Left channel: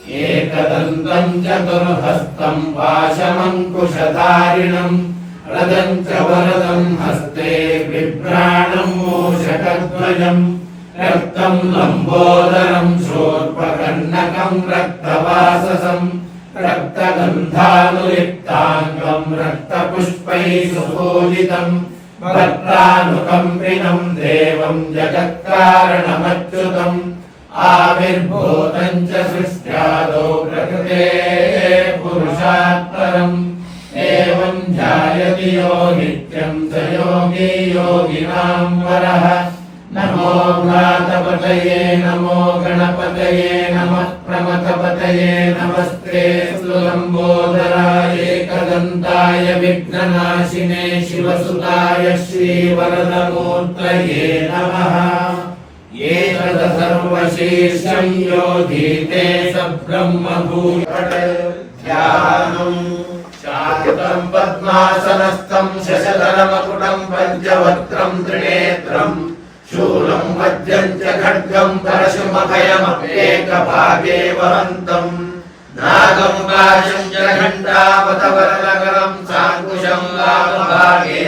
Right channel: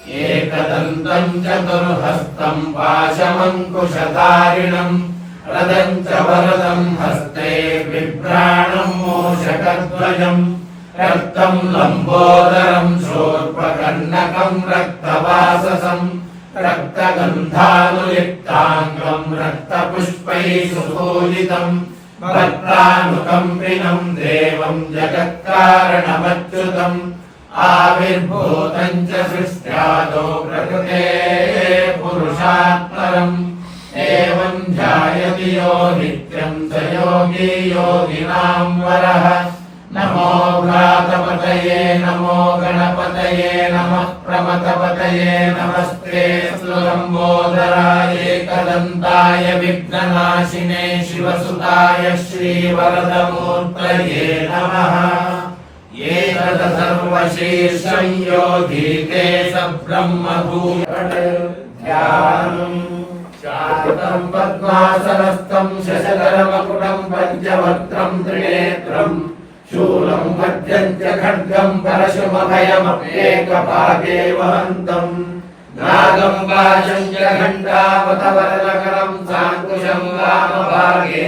एकदन्तम् चतुर्हस्तम् पाशमङ्कुशधारिणम् रदम् च वरदम् हस्ते बिभ्राणम् मूषकध्वजम् रक्तम् लम्बोदरम् शोर्पकर्णकम् रक्तवाससम् रक्तगन्धानुलिप्ताङ्गम् रक्तपुष्पैः सुपूजितम् भक्तानुकम्पिनम् देवम् जगत्कारणमच्युतम् आविर्भूतम् च सृष्ट्यादो प्रकृते पुरुषात्परम् एवम् ध्यायति यो नित्यम् स योगी योगिनाम् वरः नमो भ्रातपतये नमो गणपतये नमः प्रमथपतये नमस्ते लम्बोदराय एकदन्ताय विघ्ननाशिने शिवसुताय श्रीवरदमूर्तये नमः एतत् सर्वशीर्षं योगी ते स ब्रह्मभूयानम् शाकुटम् पद्मासनस्थम् शशधरमकुटम् पञ्चवक्त्रम् त्रिनेत्रम् शूलम् वज्रम् च खड्गम् परशुमभयमप्येकभागे वहन्तम् नागम् वाजम् च घण्टावतवरनगरम् साङ्कुशम् वामभागे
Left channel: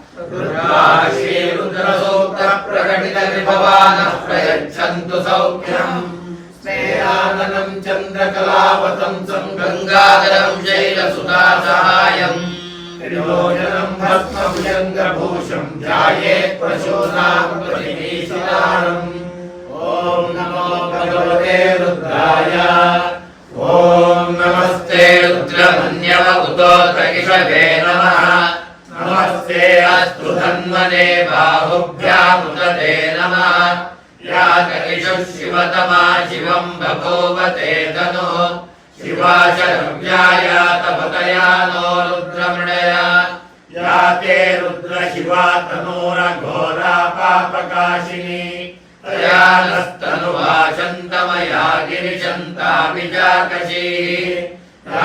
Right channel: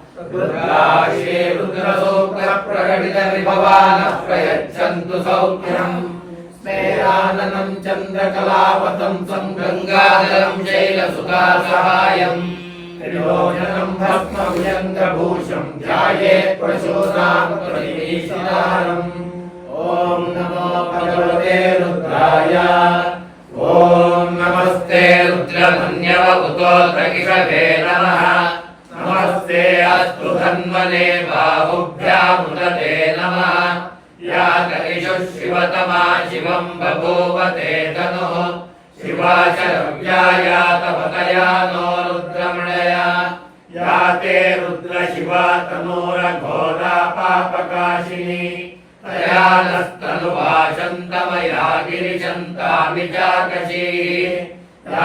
दुर्गाशे रुद्रसूत्रप्रकटितविभवानः प्रयच्छन्तु सौख्यम् स्नेहाननम् चन्द्रकलावतंसम् गङ्गाधरम् शैलसुतासहायम् त्रिभोजनम् भस्मभुजङ्गभूषम् ध्यायेत् प्रचोदानुपरिवेशितारम् ॐ नमो भगवते रुद्राय ॐ नमस्ते रुद्रमन्यव उतोतकिषभे नमः नमस्ते अस्तु धन्वने बाहुभ्यामुदते नमः या तकिषुः शिवतमा शिवम् बभूवते तनुः शिवा शरव्याया तपतया नो रुद्रमणया या ते रुद्र शिवा तनूरघोरा पापकाशिनी तया नस्तनुभाषन्तमया गिरिशन्तामि चाकशीः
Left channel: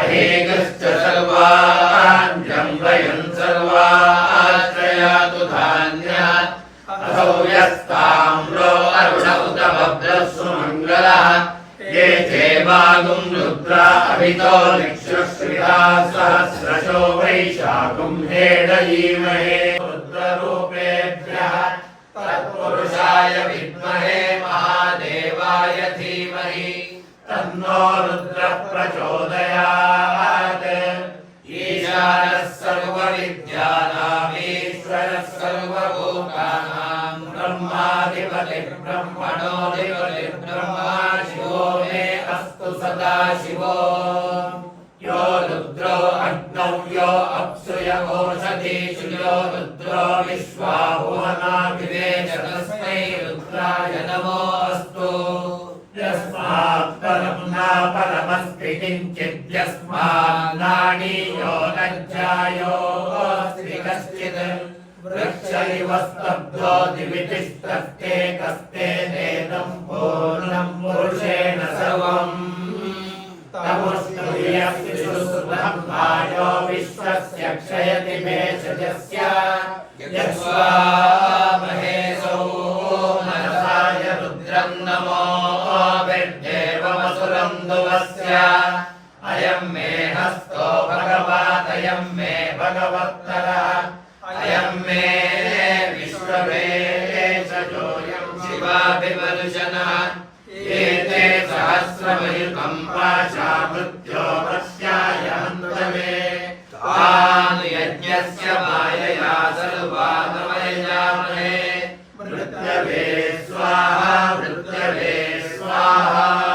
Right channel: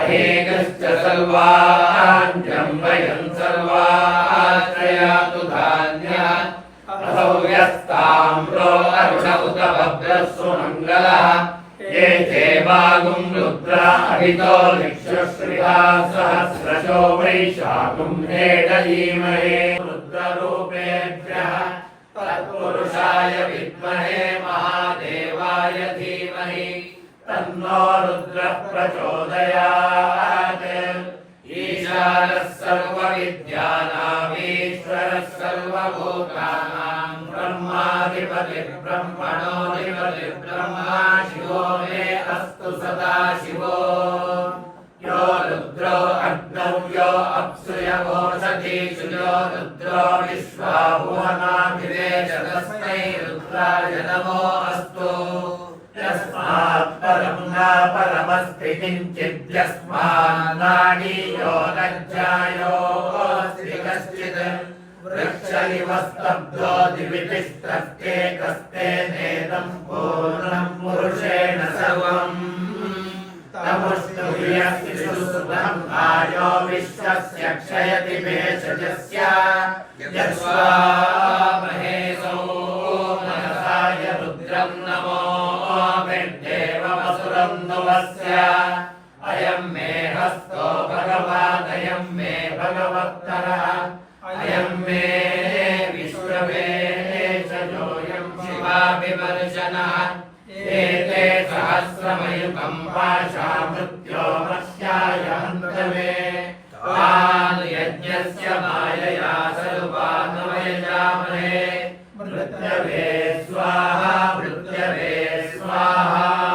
अहेकश्च सर्वाण्यम् वयम् सर्वाश्रयातु धान्यात् असौ व्यस्ताम्रो अरुण उत भद्रः सुमङ्गलः ये चेवागुम् रुद्रा अभितो निक्षुश्रिता सहस्रशो वैशाखुम् हेडयीमहे रुद्ररूपेभ्यः तत्पुरुषाय विद्महे महादेवाय धीमहि तन्नो रुद्रः प्रचोदयात् सर्वविद्यानामीश्वरः सर्वभूतानाम् ब्रह्माधिपतिर्ब्रह्मणोऽधिपतिर्ब्रह्मा शिवो मे अस्तु सदा शिवो यो रुद्रो अग्नौ यो अप्सु य ओषधीषु यो रुद्रो विश्वाहुहनाभिवेश तस्मै रुद्राय नमो अस्तु यस्मात् परम् न परमस्ति किञ्चित् यस्मान्नाडीयो लज्जायोऽस्ति कश्चित् वृक्ष इव स्तब्धो दिवितिष्ठस्ते कस्ते नेदम् पूर्णम् पुरुषेण सर्वम् तमुष्टुभियस्तिषुब्रह्मायो विश्वस्य क्षयति भेषजस्य यस्वामहेशो नरसाय रुद्रम् नमो विद्देवमसुरम् दुवस्य अयम् मे हस्तो भगवादयम् मे भगवत्तरः अयम् मे विश्ववेशजोऽयम् शिवाभिमनुषनः एते सहस्रमयुगम् पाशा मृत्यो वश्याय हन्तवे यज्ञस्य मायया सर्वानवयजामहे मृत्यवे स्वाहा मृत्यवे स्वाहा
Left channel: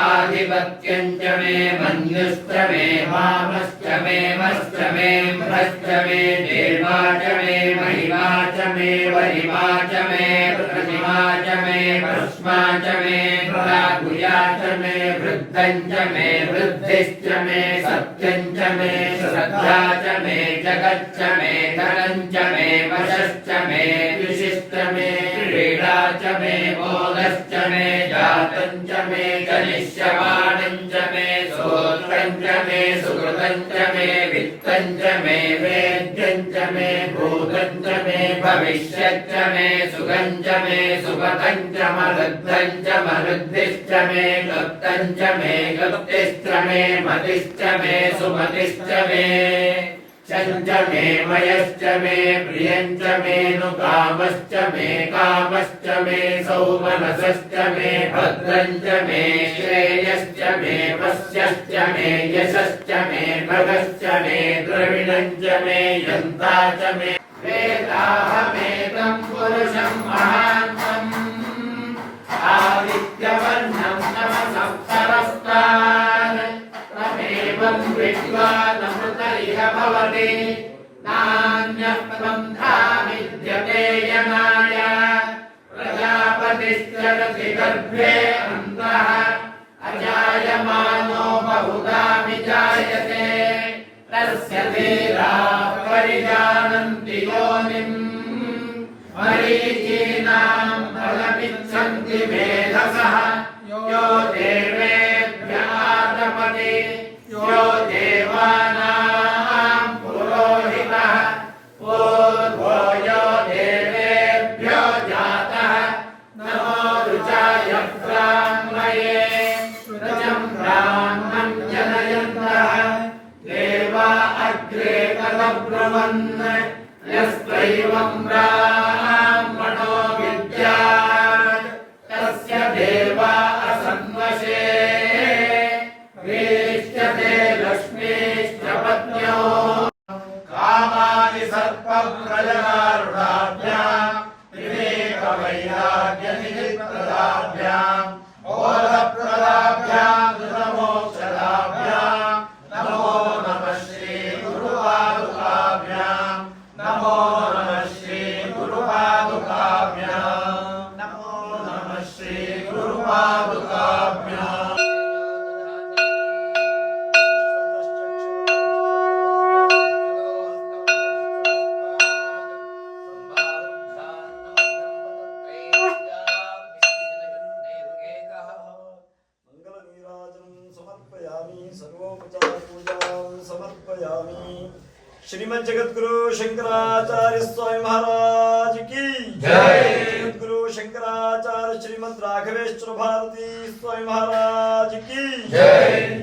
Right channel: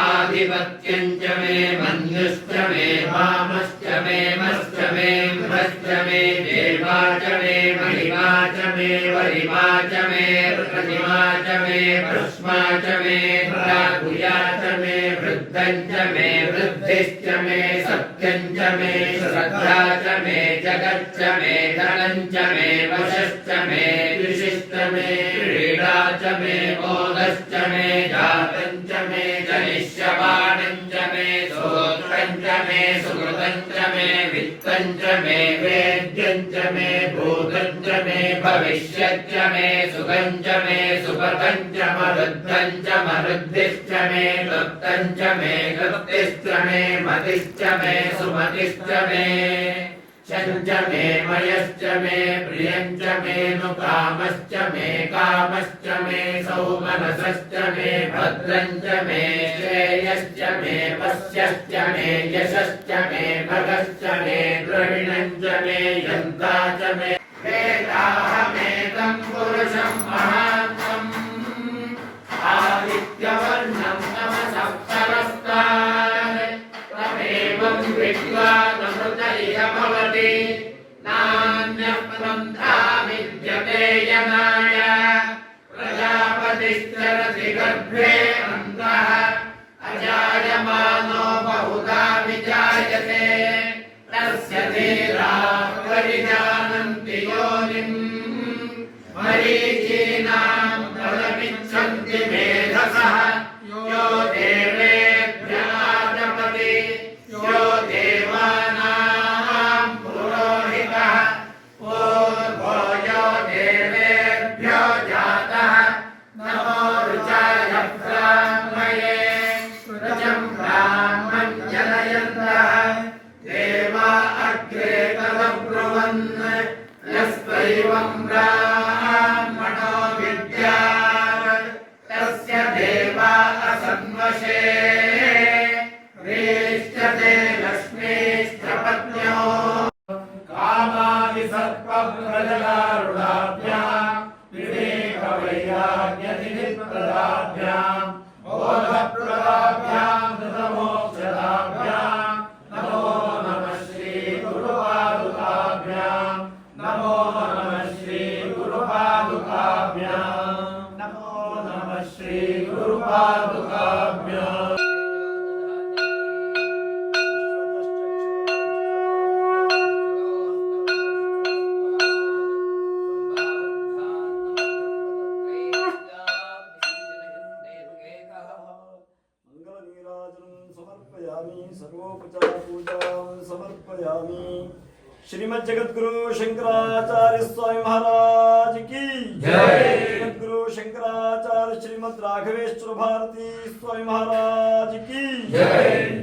आधिपत्यं च मे मन्युश्च मे वामश्च मे मश्च मे भ्रश्च मे देवा च मे महिमा च मे वरिमा च मे प्रतिमा च मे भस्मा च मे भ्रागुया च मे वृद्धं च मे वृद्धिश्च मे सत्यं च मे श्रद्धा च मे जगच्च मे धनं च मे वशश्च मे विशिष्ट मे क्रीडा च मे मोदश्च मे जातं च मे जनिष्यमाणं च मे श्रोत्रं च मे सुकृतं च मे वित्तं च मे वेद्यं च मे भूतं च मे भविष्यच्च मे सुखं च मे सुपतं च मरुद्धं च मरुद्धिश्च मे क्लुप्तं च मे क्लुप्तिश्च मे मतिश्च मे सुमतिश्च मे च मे मयश्च मे प्रियम् मे नु कामश्च मे कामश्च मे सौमनसश्च मे भद्रम् मे श्रेयश्च मे पश्यश्च मे यशश्च मे भगश्च मे मे यन्ता च मे पुरुषम् महान्तम् आदित्यवर्णम् नमसप्तरस्तान् तमेवम् इह भवति नान्यः पन्था विद्यते यनाय प्रजापतिश्चरति गर्भे अन्तः अजायमानो बहुधा विजायते तस्य धीराः परिजानन्ति योनिम् मरीचीनां फलमिच्छन्ति मेधसः यो देवेभ्यादपति శంకరాచార్య స్వామి మహారాజ్కి. జగద్గురు శంకరాచార్య శ్రీమద్ రాఘవేశ్వర భారతి స్వామి మహారాజ్కి జై.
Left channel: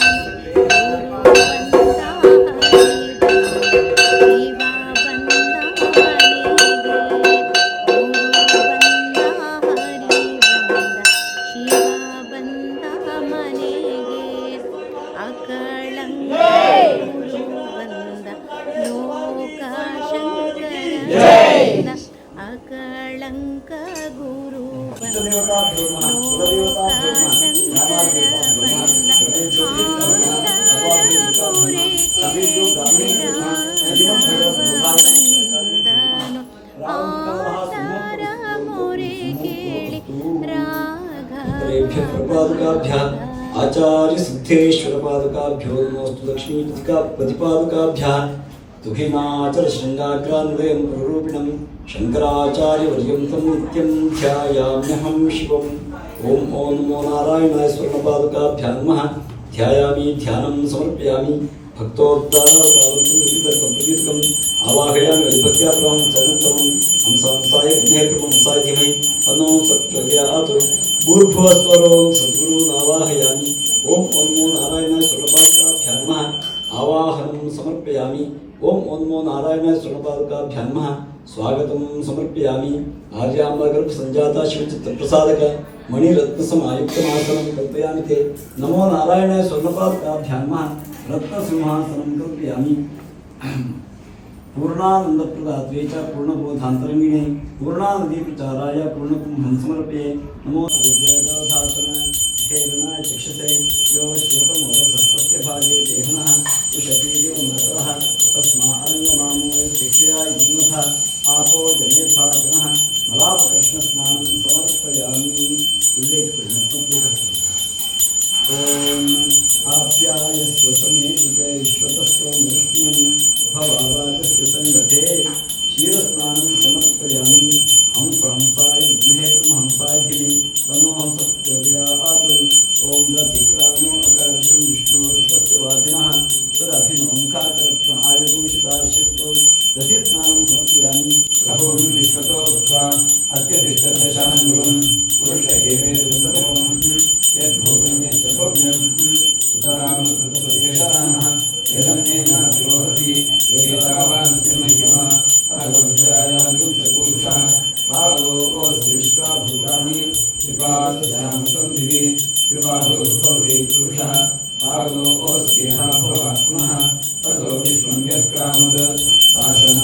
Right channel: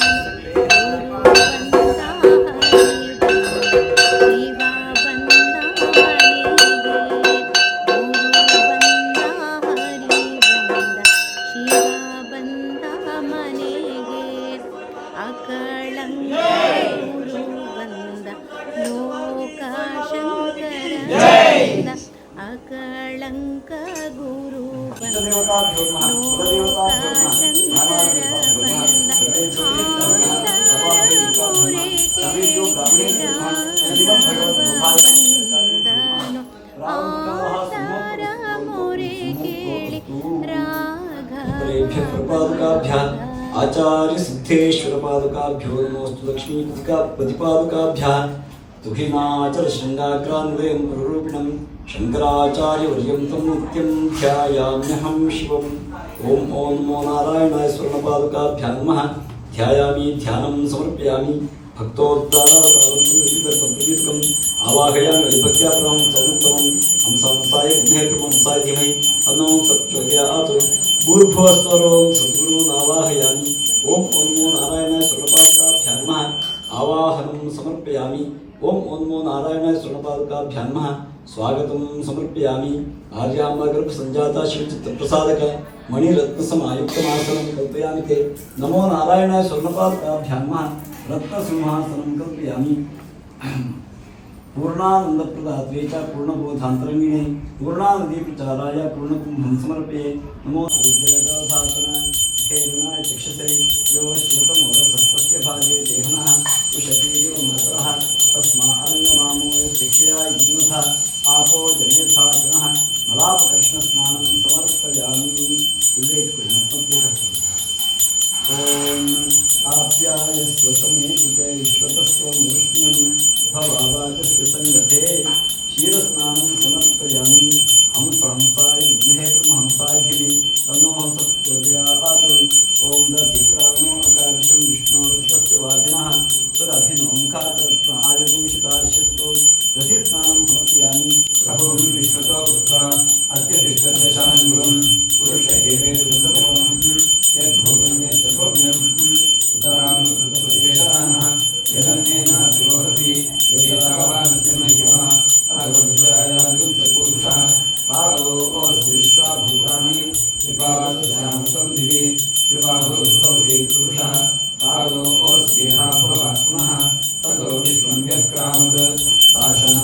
Thank you. तुहिनाचल शृङ्गाग्रान्वयं प्ररूपिणं शङ्कराचार्यवर्यं तं नित्यं ध्यायाम्यहं शिवम्। ॐ ॐ नमो नारायणाय स्वर्णपादकाभ्यां नमः। ध्यायामि, ध्यानं समर्पयामि। भक्तोद्धारकम् आवाहयामि विभक्त्याप्रहं समुत्तमं हंसंसाय धीमहि। तन्नो नमो नारायणाय स्वर्णपादकाभ्यां नमः। आवाहनं समर्पयामि। ओम ओन्मो नारायण सुणपादुकाभ्याम स्वागत समर्पयामि। आर्यांबा गर्भ संजाता शिवचित्र प्रसादक मणिरत्न समायुक्त आसन कल्पयामि के नमो नारायण स्वर्णपादुकाभ्याम रत्न सिंहासन कल्पयामि। पूर्णानंद प्रदात्वे च पूर्णबोधांतरंगिणे पूर्णानदी प्रचाराय पूर्णकुंभं समर्पये। नमो जयदासासन खेरणाय चक्षसे। यो शिवतमोरसस्तस्य संधिः ततो विश्वं व्यक्रामत् शासन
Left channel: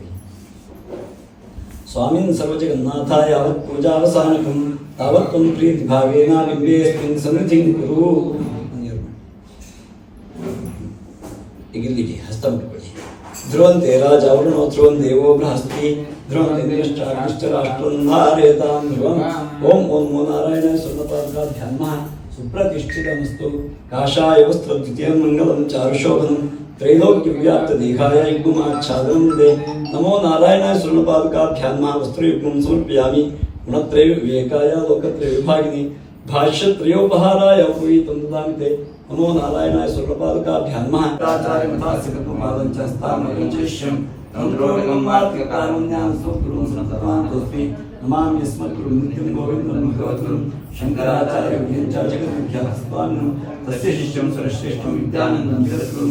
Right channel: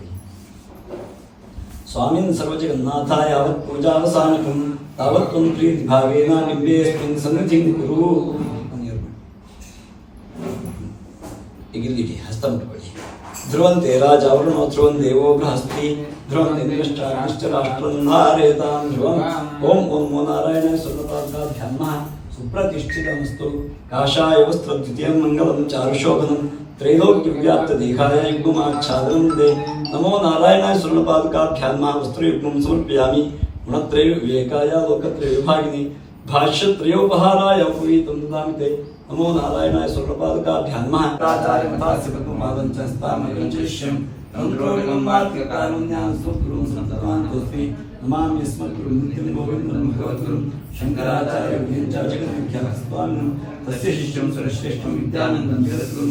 స్వామిన్ సర్వజగన్నాథాయ యావత్ పూజావసానకం తావత్వం ప్రీతి భావేన నింబేస్మిన్ సన్నిధిం కురు. అని ఇగిలిటి హస్తం పడి. ధ్రువంతే రాజావరుణో ధ్రువం దేవో బృహస్తి ధ్రువంతిష్టరాష్ట్రంధారేతాం ధ్రువం. ఓం ఓం నారాయణ సున్నతాధ్యాత్మ సుప్రతిష్ఠితమస్తు. కాషాయ వస్త్రద్వితీయం మంగళం చారుశోభనం. ನಮಃ सुप्रतिष्ठितमस्तु काषाय वस्त्रद्वितीयं मङ्गलं चारुशोभनं त्रैलोक्यव्याप्तदेहाय युग्माच्छादनं दे नमो नारायणाय स्वर्णपादकाभ्यां मा वस्त्रयुग्मं समर्पयामि गुणत्रय विवेकाय लोकत्रय विभागिनि भाष्यत्रयोपहाराय उपवीतं ददामि ते नमो नारायणाय स्वर्णपादकाभ्यां मा आचार्यमथास्य पद्मपादं च स्थामकं च शिष्यं रौद्रोगं वार्तिककारुण्यां स्वगुरुं सन्ततान्तोऽस्मि नमामि यस्मत्गुरुं नित्यं गोविन्दं भगवद्गुरुं शङ्कराचार्यविद्याचार्यहस्तान्नं तस्य शिष्यं सरश्रेष्ठं विद्यानन्दं जगद्गुरुं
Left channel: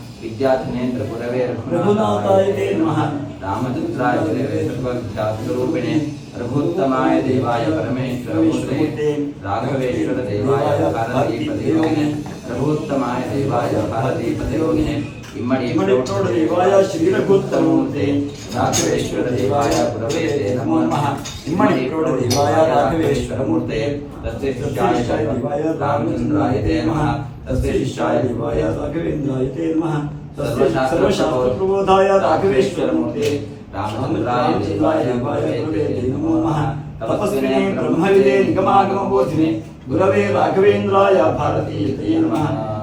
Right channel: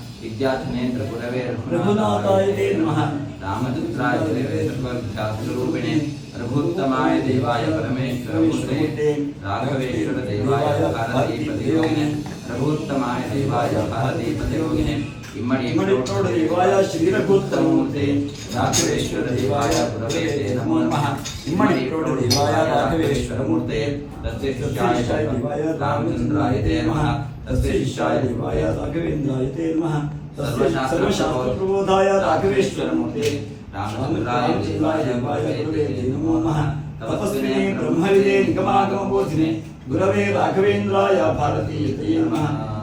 विद्याधनेन्द्र गुरवे रघुनाथाय ते नमः। रामचन्द्राय गुरवे सर्वविद्यास्वरूपिणे रघुत्तमाय देवाय परमेश्वरमूर्ते राघवेश्वर भारतीपतियोगिने, रघुत्तमाय देवाय भारतीपतियोगिने ఇమ్మడితోడు దివాయ శ్రీరఘుత్తమూర్తి. రాఘవేశ్వర దివాయ ప్రవేదే నమో నమ. ఇమ్మడితోడు దివాయ రాఘవేశ్వరమూర్తే. తస్య శిష్యాయ దివాయ రామచంద్రాయ తే నమ. తస్య శిష్యాయ దివాయ రాఘవేంద్రాయ తే నమ. సర్వశాస్త్రప్రబోధాయ రాఘవేశ్వరమూర్తే. గురవే రాఘవేంద్రాయ భారతీయతే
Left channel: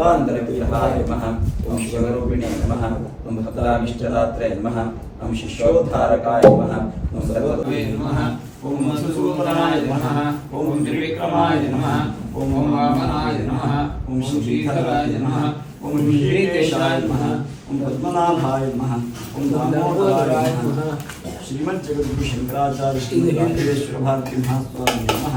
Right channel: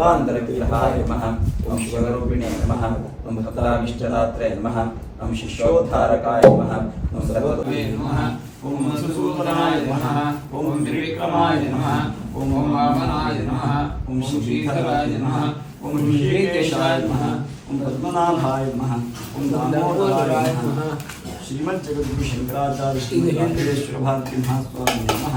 सर्वान्तरविग्रहाय नमः शिवरूपिणे नमः नमः शिष्योद्धारकाय नमः ॐ सर्वत्वे नमः ॐ मधुसूदनाय नमः त्रिविक्रमाय नमः ॐ वामनाय नमः ॐ श्रीधराय नमः ॐ श्रीकेशाय नमः ॐ पद्मनाभाय नमः ॐ दामोदराय नमः श्रीमद्जगद्गुरुशङ्कराचार्य श्रीवेङ्कटेश्वरभारती महास्वामी नमः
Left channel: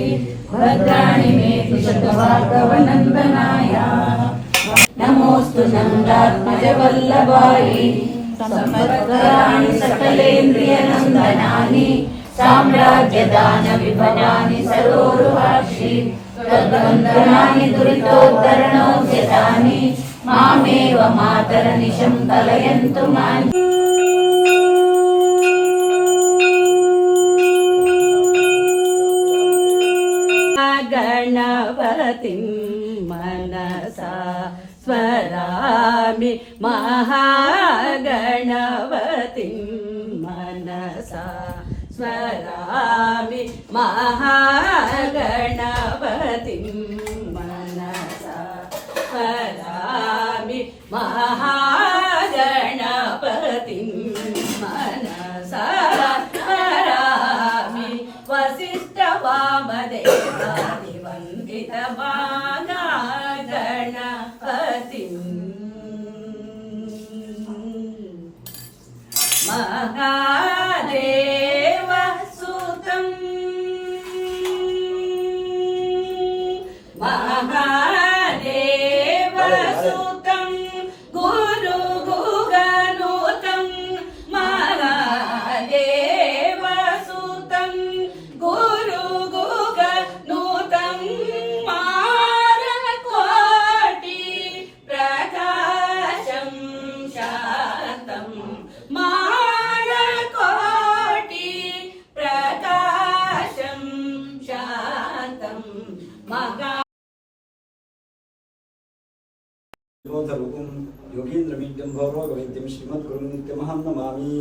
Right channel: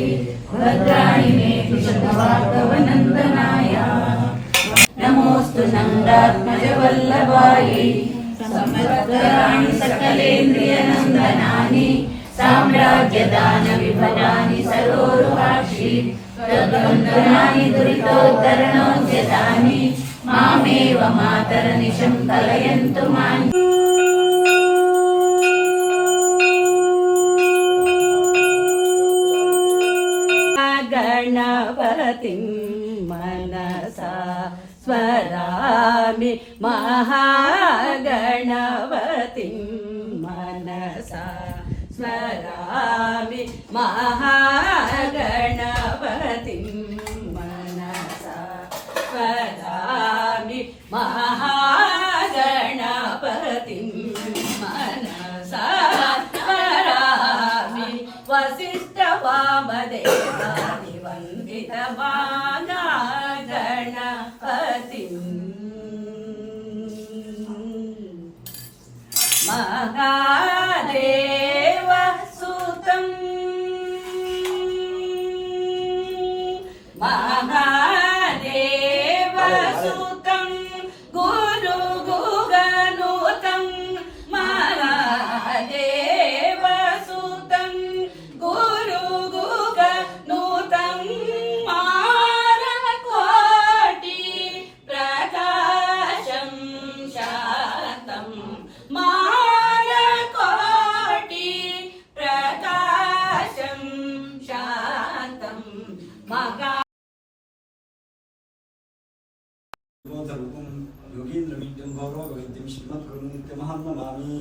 भद्राणि मे पिशतभार्गवनन्दनाय नमोऽस्तु नन्दात्मजवल्लभायै समर्पयाणि सकलेन्द्रियनन्दनानि साम्राज्यदानविभवानि सरोरुहाक्षि तद्वन्दनानि दुरितोद्धरणोद्यतानि मामेव मातरनिशं कलयन्तु मानि గణపతిం మనసా స్వరామి మహాగణపతిం మనసా స్వరామి మహాగణపతి మనసా స్వరామి మహాగణపతిం మనసా స్వరామి వసిష్ఠ వామదేవాని ഗണപതി മഹാ వైద్యం శ్రీమద్గురు నిత్యమహం నమామి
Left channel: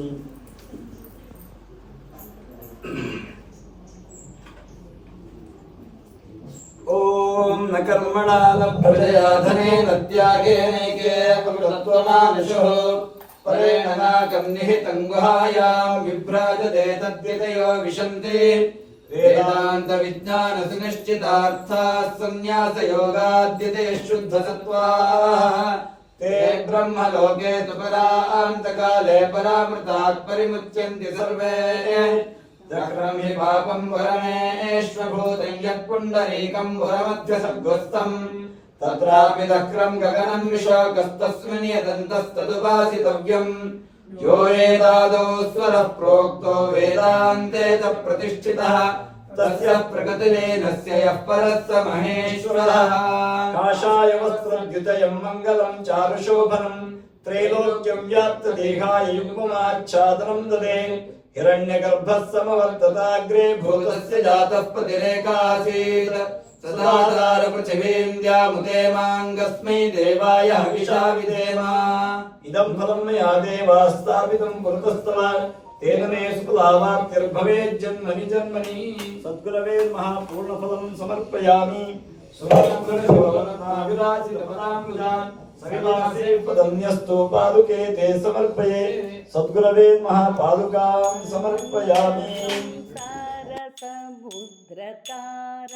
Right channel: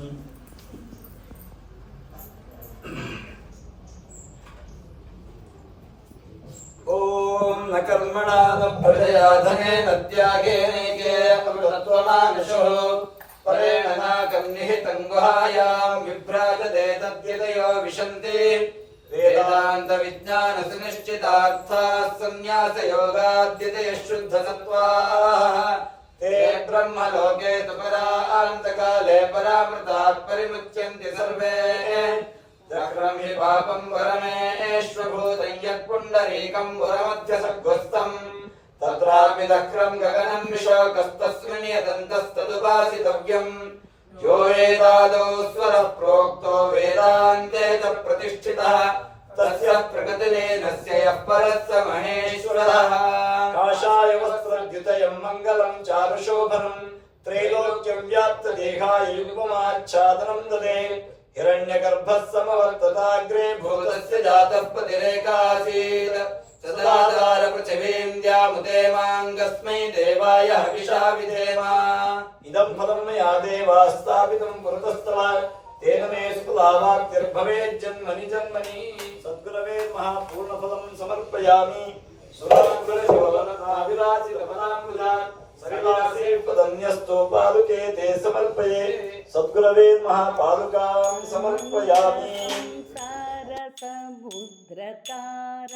ఓం న కర్మణా న ప్రజయా ధనేన త్యాగేనైకే అమృతత్వమానుషో పరేణ నాకర్నిహితం గుహాయాం విభ్రాజతే తద్వితయో విశంతి. వేదాంత విజ్ఞాన ते ब्रह्मलोके तु परान्तकाले परामृताः परिमुच्यन्ति सर्वे चक्रं हि पापं वरमेश्वभूतं यत्पुण्डरीकं वरमध्यसद्गुस्तम् तत्रापि दक्रं गगनं विशाकस्तस्मिन् यदन्तस्तदुपासितव्यम् यो वेदादौ स्वरः प्रोक्तो वेदान्ते च प्रतिष्ठितः तस्य प्रकृतिलेनस्य यः परः स महेश्वरः काशाय वस्त्रद्युतयम् मङ्गलम् चारुशोभनम् त्रैलोक्यम् व्याप्तदेहाय युग्ममाच्छादनम् ददे हिरण्यगर्भः समवर्तताग्रे भूतस्य जातः पतिरेकासीत् सदाधार पृथिवीन्द्यामुते माङ्गस्मै देवाय हविषा विदेम इदम् फलम् मया देवाः स्थापितम् पुरतस्तमा తేన మే సుఖలాభాక్తిర్భవే జన్మని జన్మని. సద్గురవే మహాపూర్ణఫలం సమర్పయామి. పదన్యస్తో పాదుకే తే సమర్పయే. సద్గురవే మహాపాదుకాం సమర్పయామి. సారత ముద్రతార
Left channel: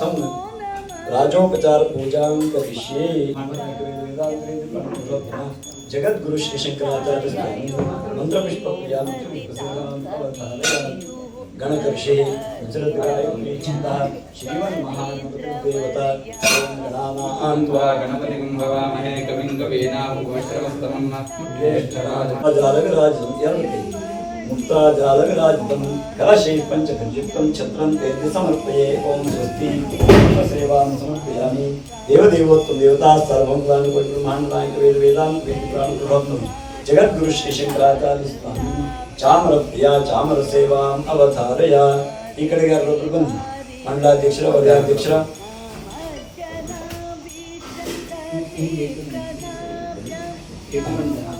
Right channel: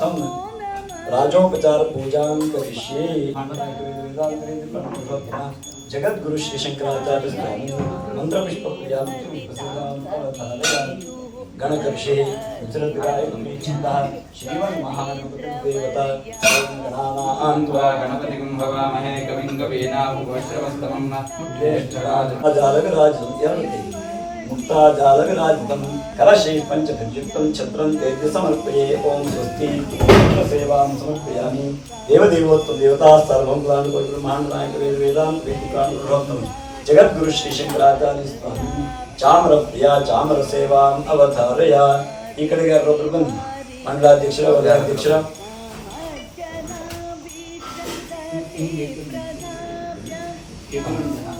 सम राजोपचार पूजां करिष्ये। श्री शंकराचार्य मंत्र गण कक्षे विचरत गायत्री चिंता श्रीमन महादेवता गणानान्त्वा भवामहे कविं कवीनाभुवश्रवस्तमं ज्येष्ठराज जालकराज यं मुक्ताजालविराजितं कलशे पञ्चभञ्जिप्तं छत्रं तेति समर्पये ॐ स्वस्ति सेवां समर्पयामि देवदेवोत्तमदेवताः सर्वं प्राणुपटिमाण्डायकवेदवेदान्तं जगद्गुरु श्रीशङ्कराचार्य स्वामी చామరప్రియ చామర సేవాం అవతారయ ఇక్కడ గారు రూపకం మండలాధ్యక్షుల ఉదయాధ్యక్షుల ఎటువంటి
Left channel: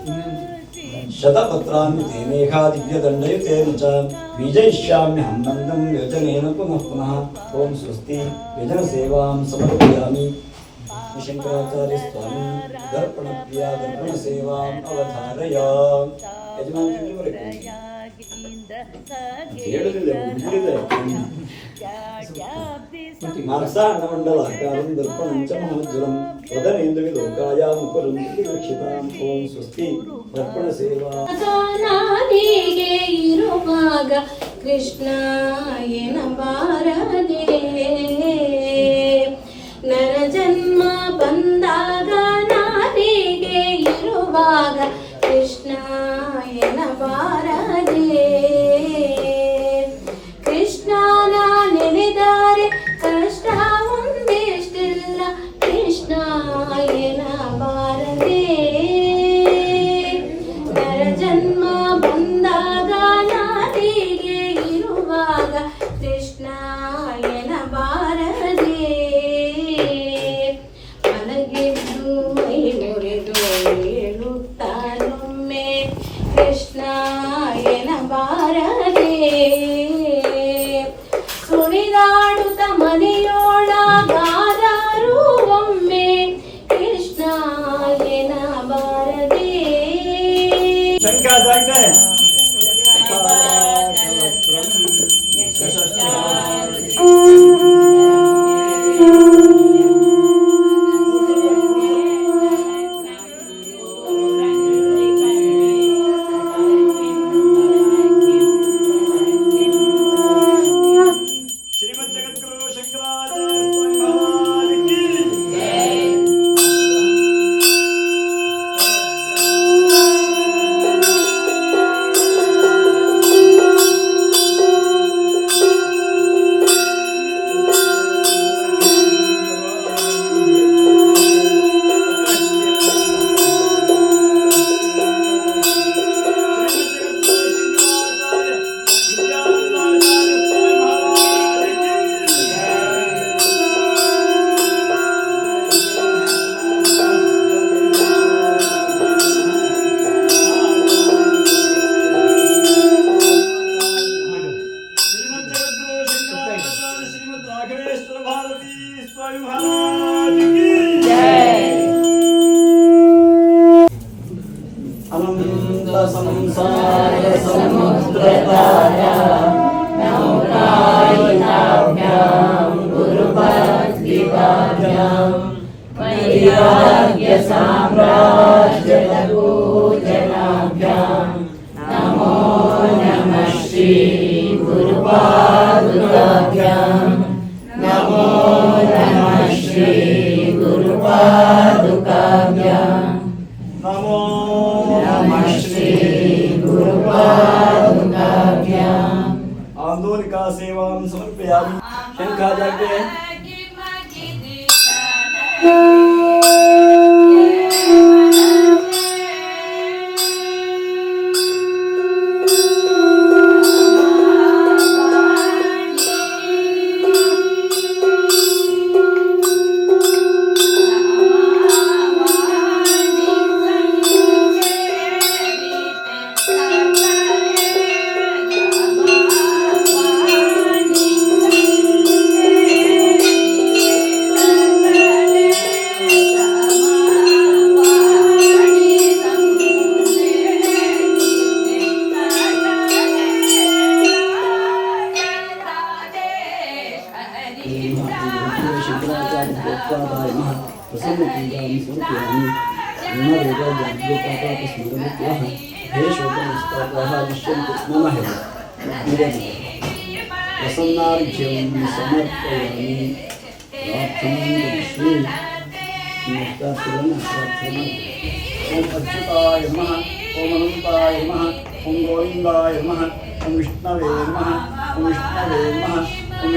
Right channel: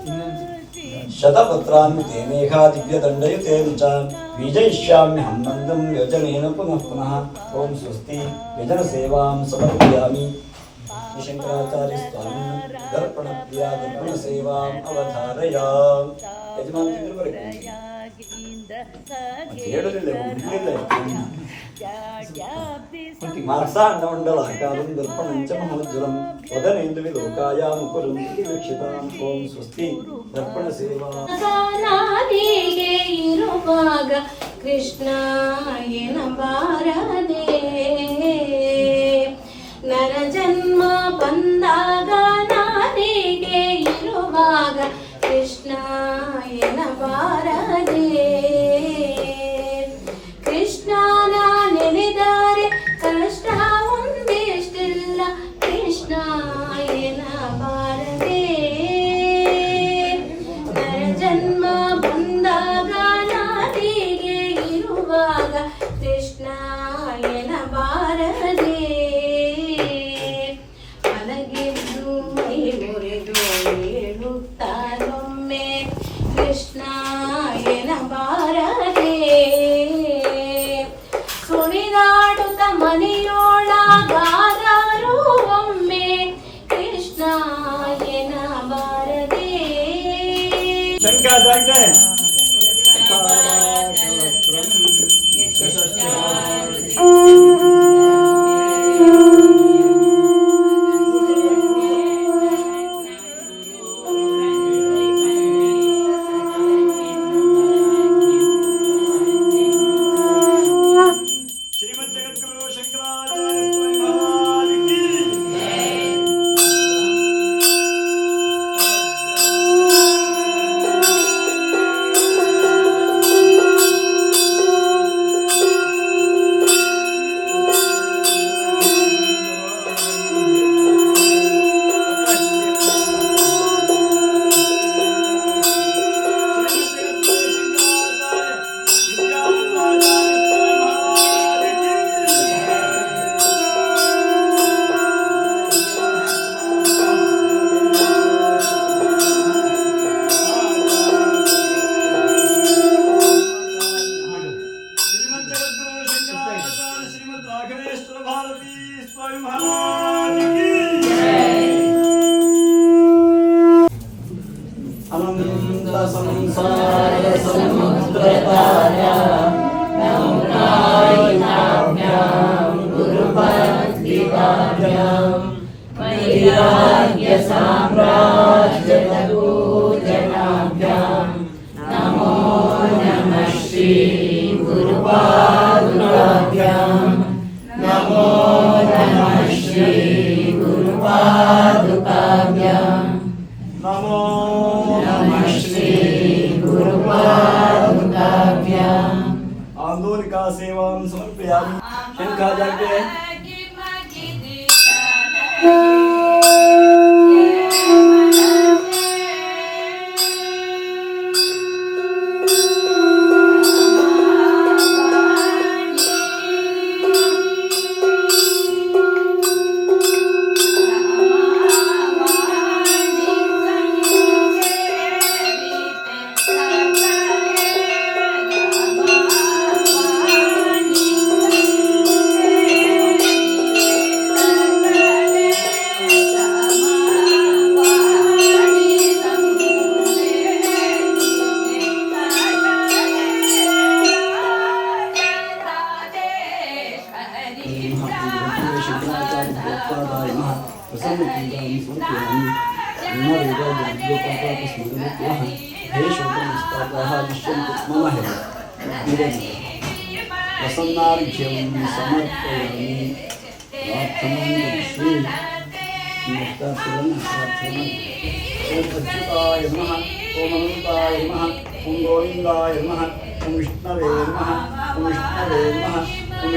शतपत्रान्तेमेघा दिव्यदण्डयुते न च बीजयिष्याम्यहं नन्दं व्यजनेन पुनः पुनः ॐ स्वस्ति व्यजनसेवां समर्पयामि। शङ्कराचार्यस्वामी दर्पणप्रिया दर्पणसेवाम् अवधारय ಯಜಮಾನ ಇರುವಾಗ ಕೃಷ್ಣ ಎನಬಾರದೆ ನರ ಜನ್ಮ ಬಂದಾಗ ನಾದಿಗೆ ಇರುವಾಗ manga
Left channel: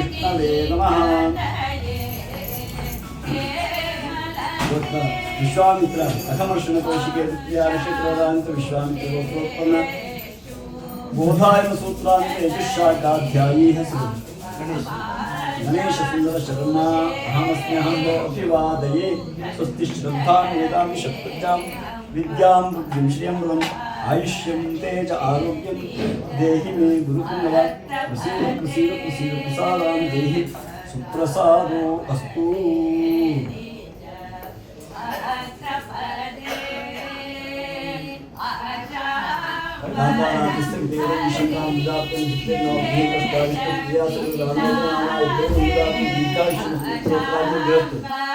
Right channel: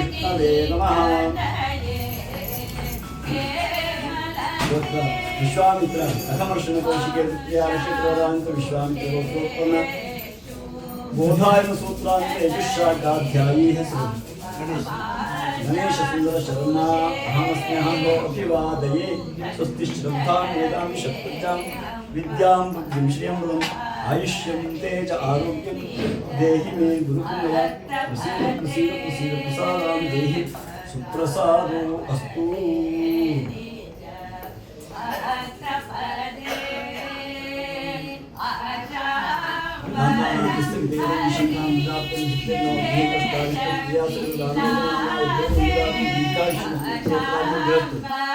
चित्तवे नमः विश्वामित्र कथमर्षण कौशिकेन्द्रियारक्षित्रोदान्त विश्वामित्रोत्तम बोधायन सूत्रान्त यजुषाड्डाध्यायीः अहमस्म्यहं अभिवादये स्वस्ति वेदां शक्त्यां विद्यां बुद्धिं श्रियं आयुष्यम तेज आरोग्यं देहि मे गुरुकुलवा प्रसीद प्रसीद प्रसीद प्रसादां देहि सुप्रसादो अस्तु Thank you.